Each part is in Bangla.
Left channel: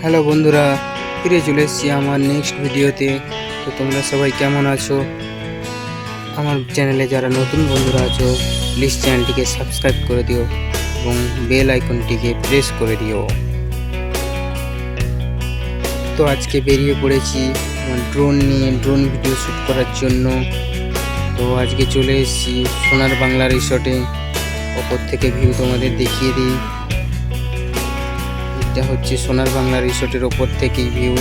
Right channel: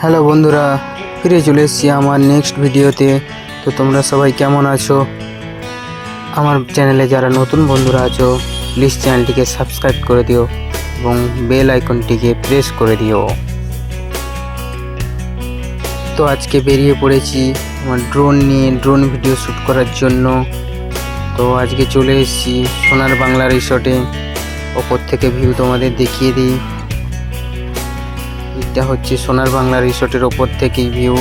হ্যালো বন্ধুরা, ফিরে চলে এসেছি আমার নেক্সট ভিডিওতে। তো তোমরা সবাই কেমন আছো? আমার চ্যানেলে যারা নতুন বন্ধুরা আছো, প্লিজ চ্যানেলটিকে সাবস্ক্রাইব করে দিও এবং বেল আইকনটিকে প্রেস করে দিও। তো আজকে বেরিয়ে পড়েছি আমার ড্রোন ভিডিও শ্যুট করার জন্য। তো আজকে চলে এসেছি সোনার বাংলা রিসর্টে। ওপর থেকে ভিউ তোমাদের দেখিয়ে দিই। এটা হচ্ছে সোনার বাংলা রিসর্টের ওপর থেকেই ভিউ,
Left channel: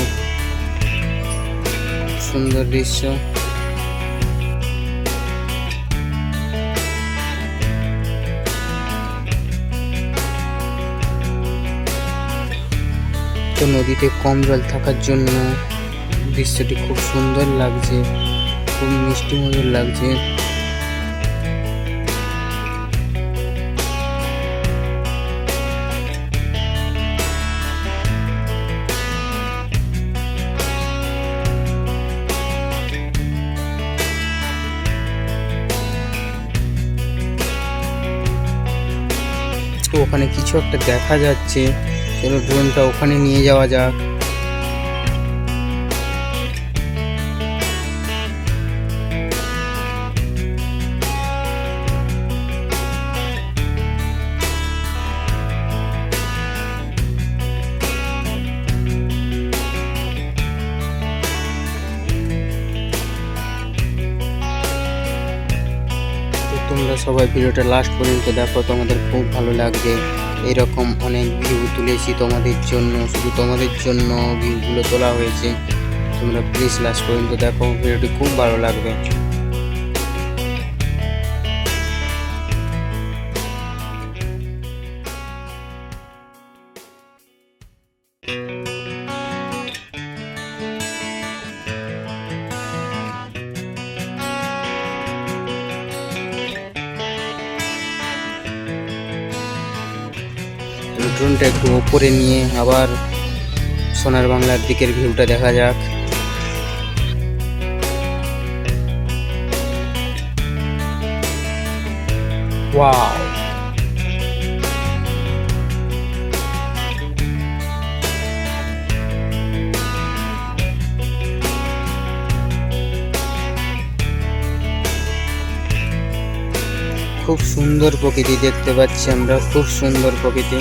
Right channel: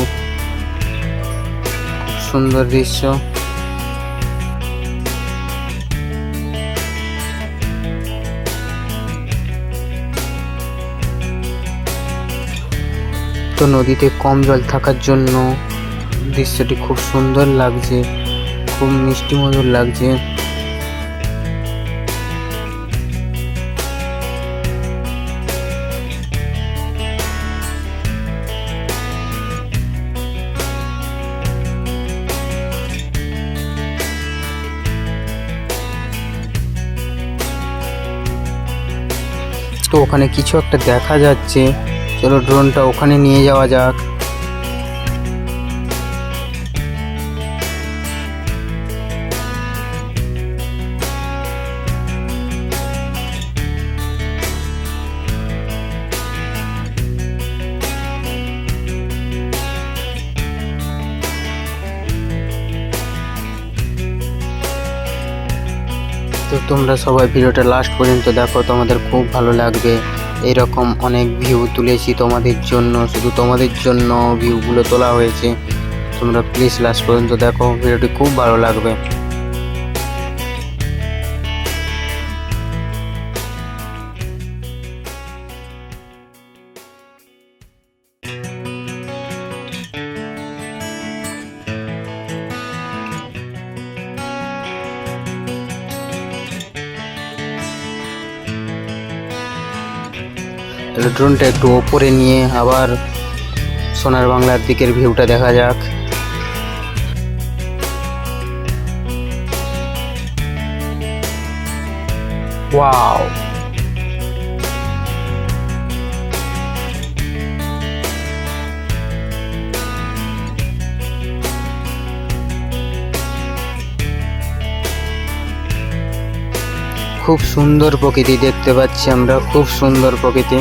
সুন্দর দৃশ্য। তো নদীতে কম জল থাকার জন্য দৃশ্যটি খুব সুন্দর লাগছে, খুব মিষ্টি মধুর লাগছে। তো ওখানে কিছু একটা দেখা যাচ্ছে, চলো ড্রোনটা ওখানে নিয়ে যাওয়া যাক। তো তোমরা সবাই ভিডিওটা লাস্ট পর্যন্ত দেখো, তোমাদের খুব ভালো লাগবে। এরকম অনেক ভিউ তুলেছি তোমাদের জন্য, শুধু তোমাদের জন্য ভিউগুলো তোলা হয়েছে। তোমরা প্লিজ লাস্ট পর্যন্ত দেখো, ভিডিওটি খুব ভালো লাগবে। ড্রোনটা একটু ওপরে নিয়ে আবার সোনার বাংলার দিকের ভিউটা দেখা যাক। ওয়াও, খুব সুন্দর প্রকৃতি দেখতে পাচ্ছি আমরা, খুব সুন্দর প্রকৃতি।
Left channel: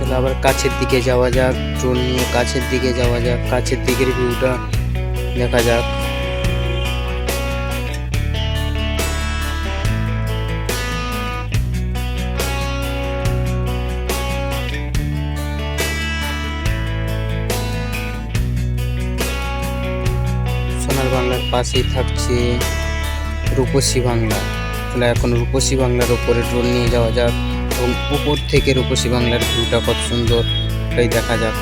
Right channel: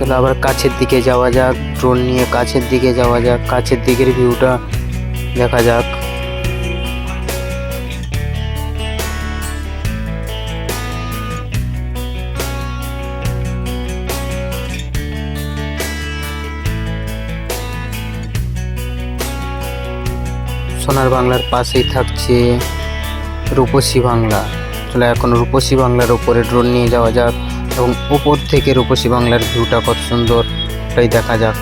চলো আবার কাছের দিকে যাওয়া যাক, ড্রোন নিয়ে কাছের দিকে যাওয়া যাক, কাছের দিকের ভিউটা দেখা যাক। সোনার বাংলার পাশেই থাকছে রূপসী বাংলা। চলো এখন রূপসী বাংলার উপরে ড্রোন নিয়ে যাওয়া যাক এবং উপর থেকে রূপসী বাংলার ভিউটা কত সুন্দর তাই দেখা যাক।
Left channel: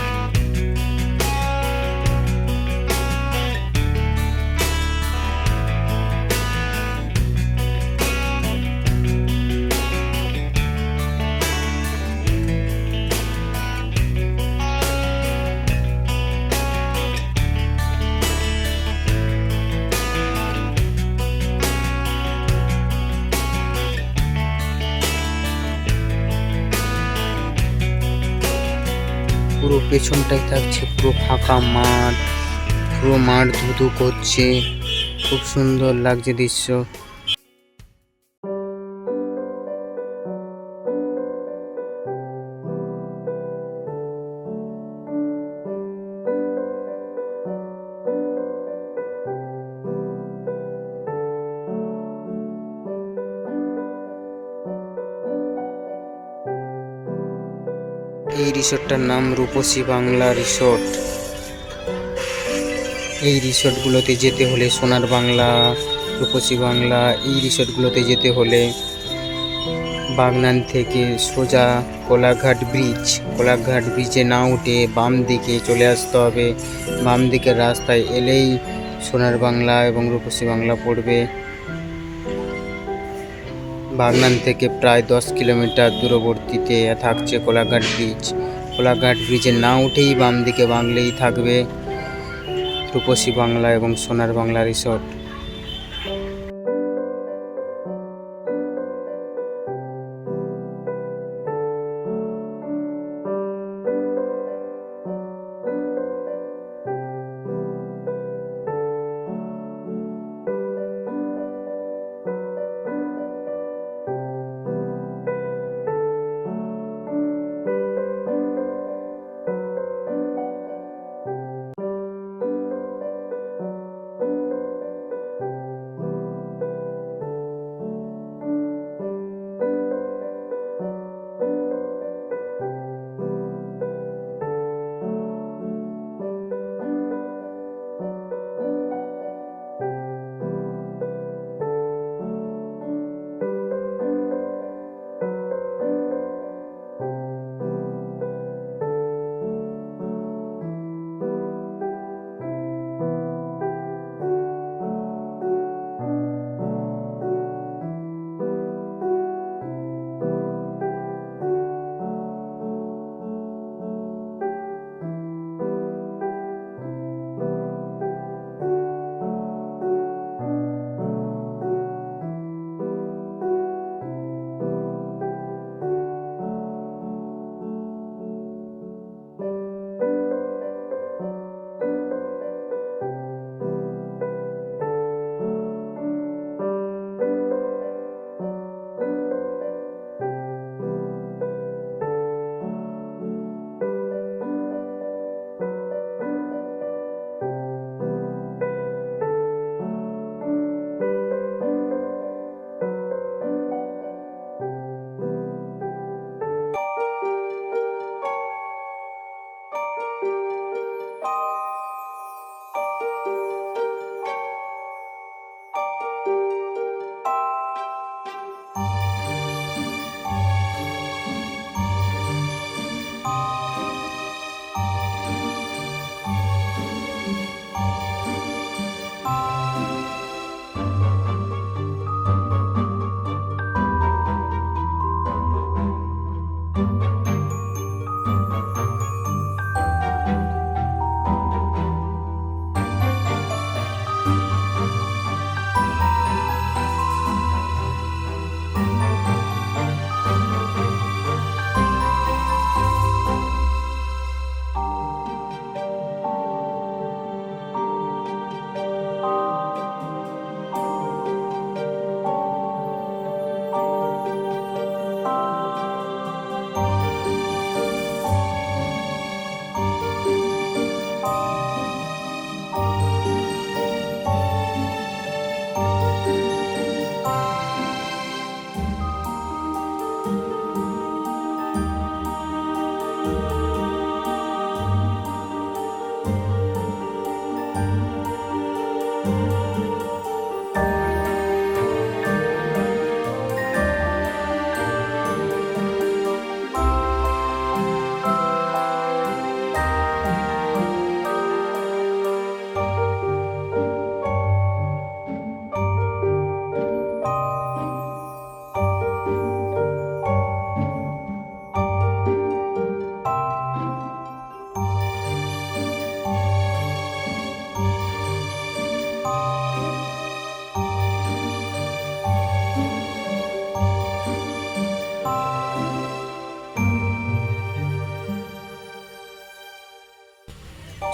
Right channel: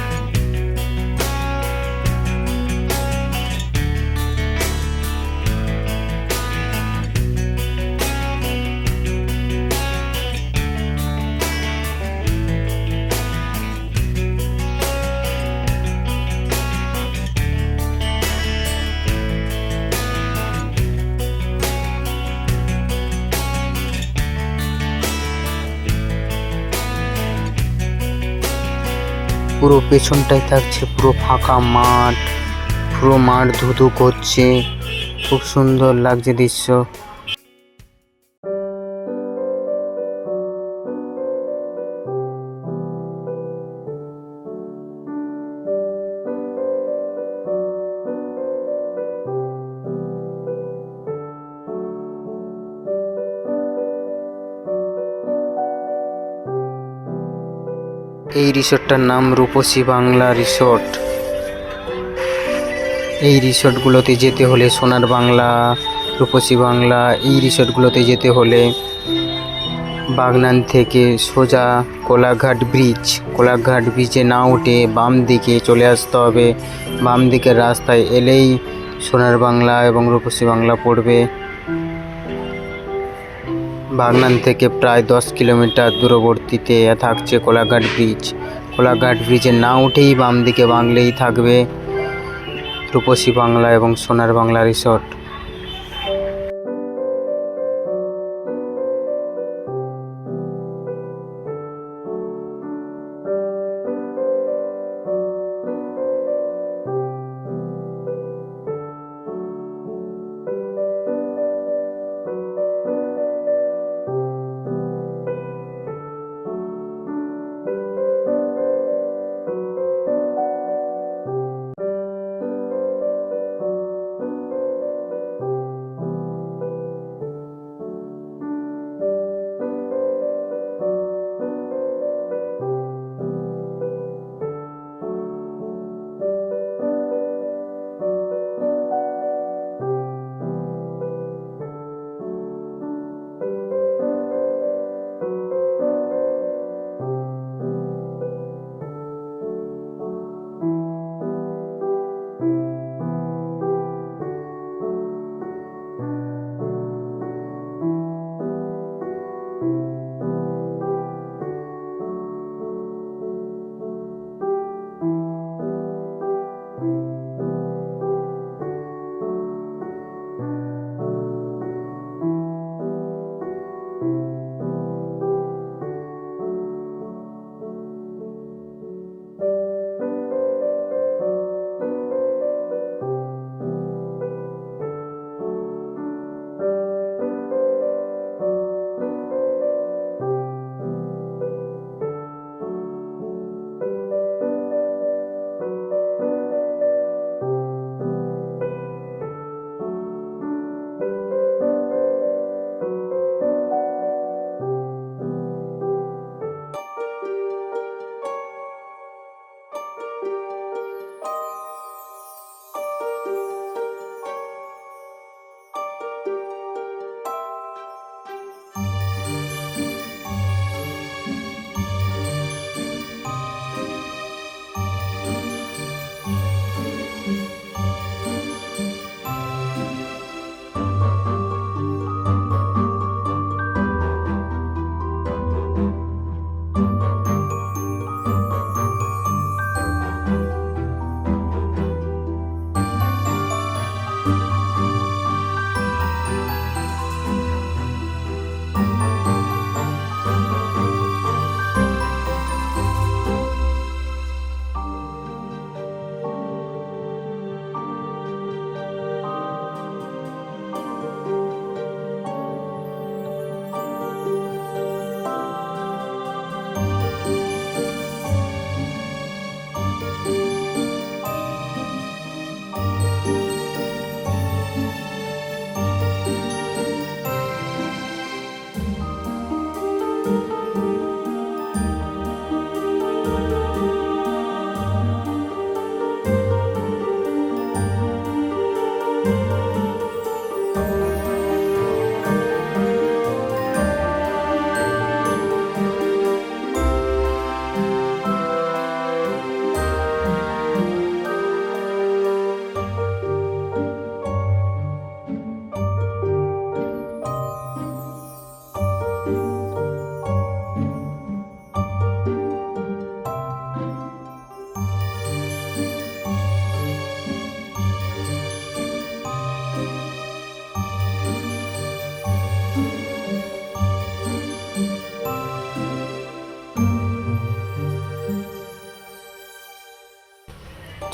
পুরো পেছনটায় থাকছে পুরো ফাঁকা মাঠ, পুরো মাঠ ধুধু করছে, খুব সুন্দর লাগছে দৃশ্য। এই রিসোর্টটার নাম রূপসী বাংলা রিসোর্ট। এই রিসোর্টগুলোতে যেতে হলে সোনার বাংলা, রূপসী বাংলা, এই রিসোর্টগুলোতে যেতে হলে বাগনান থেকে সোজা কোলাঘাট ব্রিজে না উঠে বাম দিকে চলে আসতে হবে। বাম দিকের রাস্তায় এলেই সোনার বাংলা এবং রূপসী বাংলা পড়বে। বাগনান থেকে প্রায় 10 কিলোমিটার দূরবর্তীতে থাকছে কোলাঘাট ব্রিজ। কোলাঘাট ব্রিজে না উঠেই বাম দিকে বাংলেই থাকবে রূপসী বাংলা এবং সোনার বাংলা রিসর্ট।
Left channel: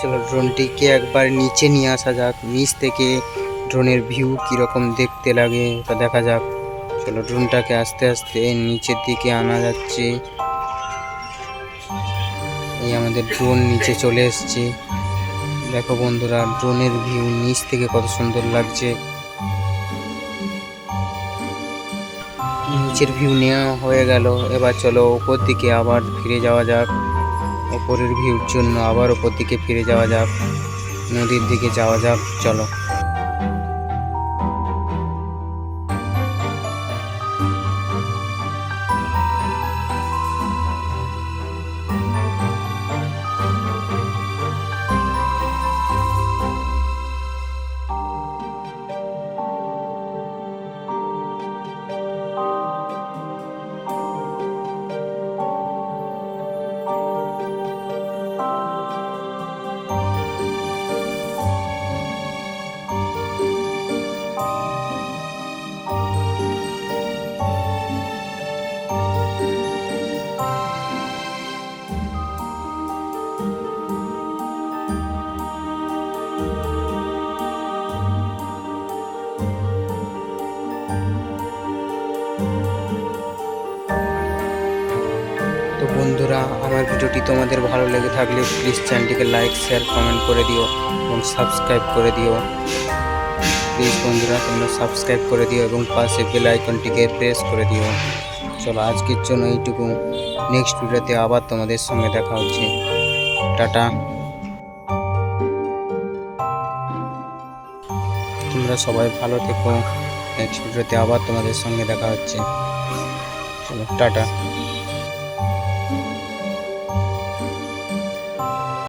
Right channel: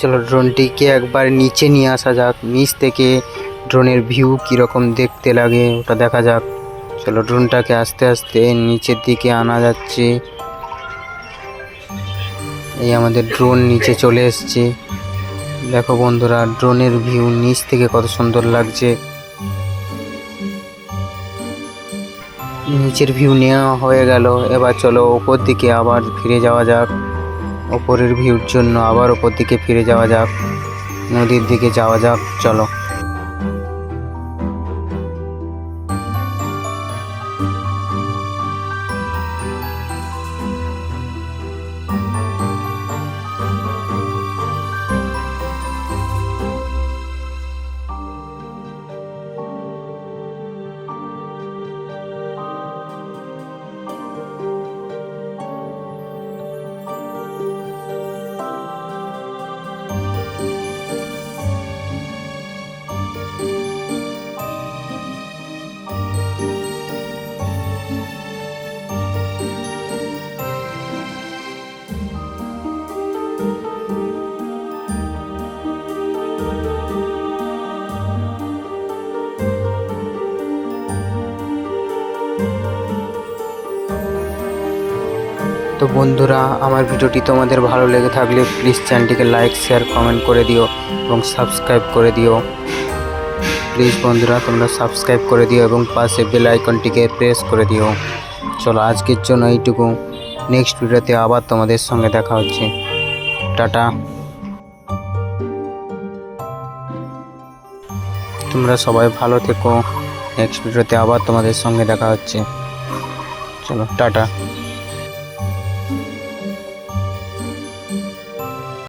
চলো ড্রোনটিকে একবার নিচে নিয়ে আসা যাক, নিচ থেকে ড্রোনের ভিউ কীরকম দেখতে লাগে ওটা দেখা যাক। চলো ড্রোনটাকে আস্তে আস্তে নিচের দিকে আনা যাচ্ছে। এই আমাদের ড্রোন নিচে চলে এসছে। দেখো বন্ধুরা, ড্রোনের ভিউ নিচ থেকে কত সুন্দর লাগছে। নিচের ভিউ নেওয়া হয়ে গেল, এবার চলো ওপর দিকে আবার ফিরে যাওয়া যাক। ওপরের ভিউর জন্য আবার ওপর দিকে ফিরে যাওয়া যাক, নদীর দিকে যাওয়া যাক। চলো বন্ধুরা, আমার ভিডিওটি তোমাদের ভালো লেগে থাকলে প্লিজ চ্যানেলটিকে লাইক শেয়ার কমেন্ট করে দিও এবং সাবস্ক্রাইব করে দিও। প্লিজ বন্ধুরা, তোমরা সাবস্ক্রাইব করে দিও এবং পাশে বেল আইকনটিকে প্রেস করে দিও। চলো আজকের জন্য এইটুকু। নেক্সট ভিডিওতে আবার তোমাদের সঙ্গে দেখা হচ্ছে। টাটা। তোমরা সবাই ভালো থেকো। নেক্সট ভিডিওতে আবার তোমাদের সঙ্গে দেখা হচ্ছে। চলো টাটা।